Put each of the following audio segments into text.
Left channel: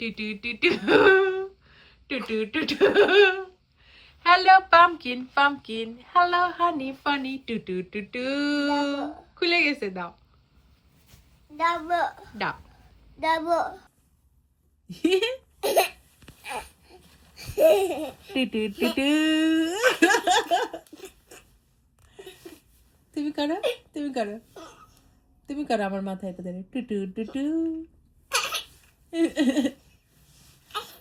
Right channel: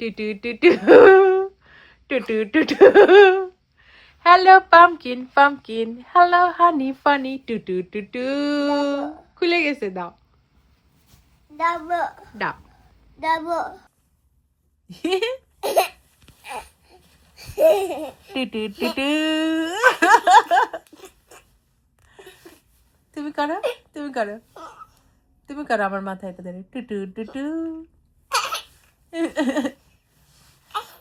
Two টু টু টু টু টু টু টু hello pumpkin pumpkin hello honey funny টু টু টু টু খুলে গেছে দাও Double, দাও double. টু টু টু টু তুমি করো তুমি করো তুমি করো আমার মাথায় এটা ধরে টু টু টু টু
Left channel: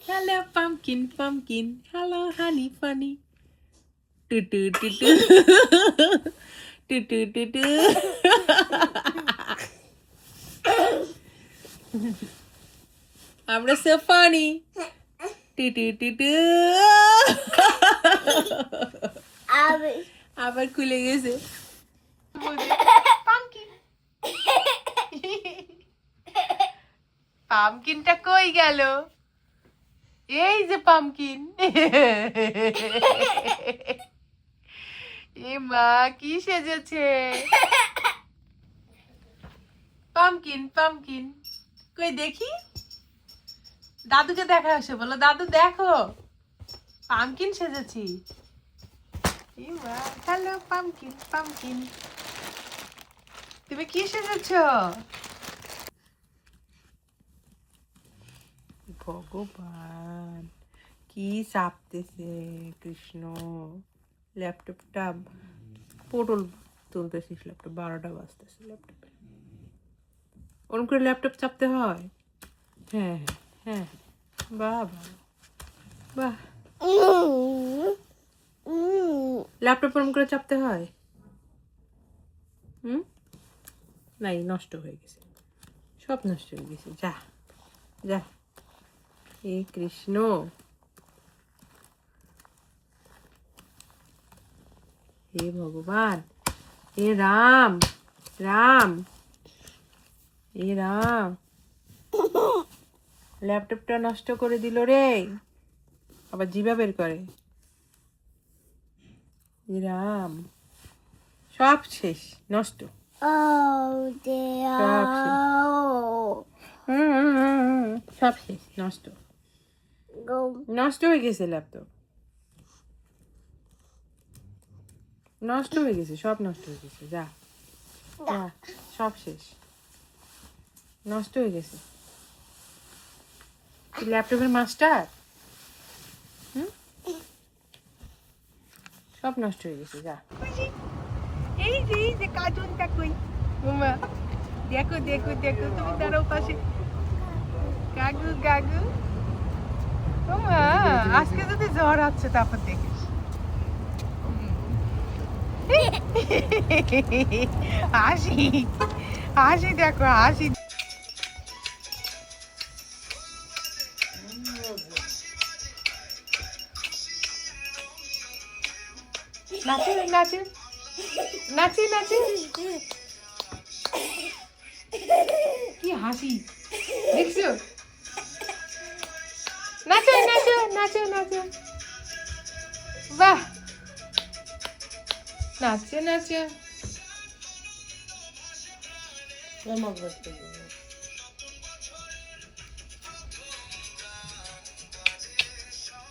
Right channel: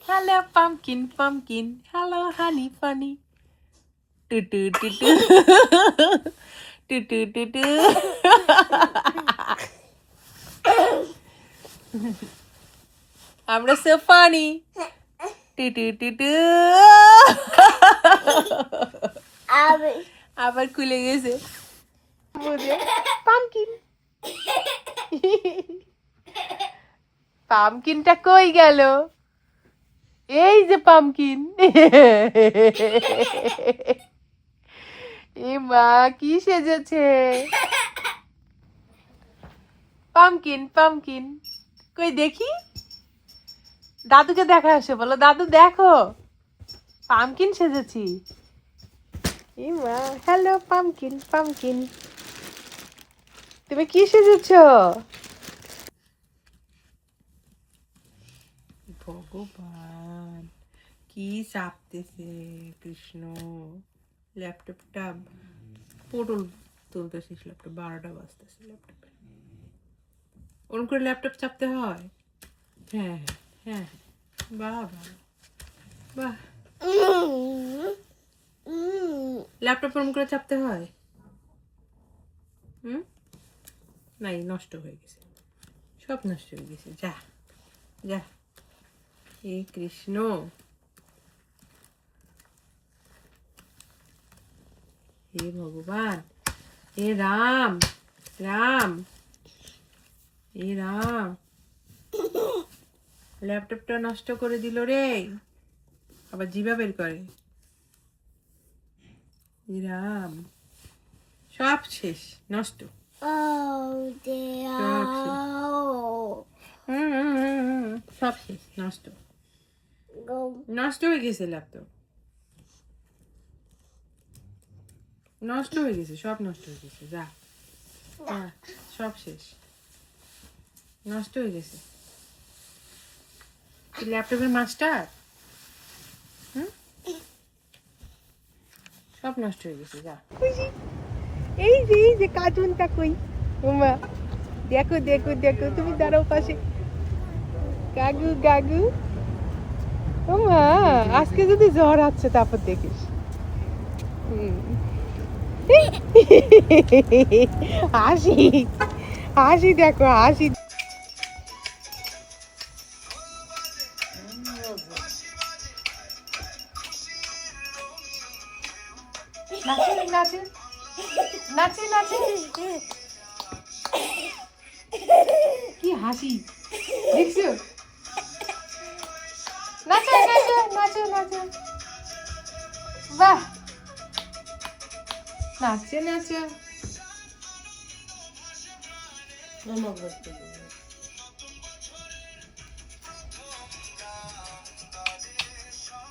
hello pumpkin pumpkin hello honey funny টু টু টু টু টু টু টু টু আমরা সো ফানি টু টু টু টু Abby. আবার খুলে গেছে পামকিন পামকিনটা কই গেল এই যে পামকিন এ মা কি সেজেছে পামকিন পামকিন কই দেখি দাদুকে দেখা আসে বলো দাদু দেখো পামকিন সেজেছি এ মা হ্যালো পামকিন পামকিন তুমি কি সেজেছ ভগবান কি চাপতেছে কৃষ্ণ ল্যাপটপটা পটল তুলতেছিস ল্যাপটপ 12টা বাজতেছে ল্যাপটপে ওরকম করে ল্যাপটপ চাপতে হয় হ্যাঁ হ্যাঁ হ্যাঁ বাহ বাহ বাহ ল্যাপটপ ওরকম করে চাপতে হয় হুম নাই নষ্ট হয়ে গেছে সব নষ্ট হয়ে গেছে যা যা হে কৃষ্ণ হে ভগবান হে রাম রাম হে রাম ল্যাপটপটা নষ্ট করে দিল রে আবার জিভা বের করে হে রাম সব শেষ নষ্ট Oh, dear. সব শেষ নষ্ট Go. নষ্ট হয়ে গেছে ল্যাপটপ নষ্ট হয়ে গেছে সব নষ্ট হয়ে গেছে যা যা সব শেষ নষ্ট হয়ে গেছে তুই ল্যাপটপের মাস্টার হুম সব নষ্ট হয়ে গেছে যা এই যে কার্টুনটা কই ওমা দেখো দেখো দেখো তুমি দাঁড়াও পাশে গাগু গাগু ওমা আজকে যদি জ্বর আছে তারপর দেখিস হাসি হাসি দেখো হাসি নাচে নাচে নাচে নাচে কি হাসি দেখছো নাচো নাচো নাচো নাচো বাহ নাচো নাচো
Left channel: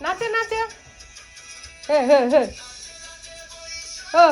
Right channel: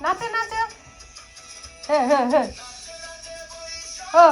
নাচো নাচো হ্যাঁ হ্যাঁ হ্যাঁ ও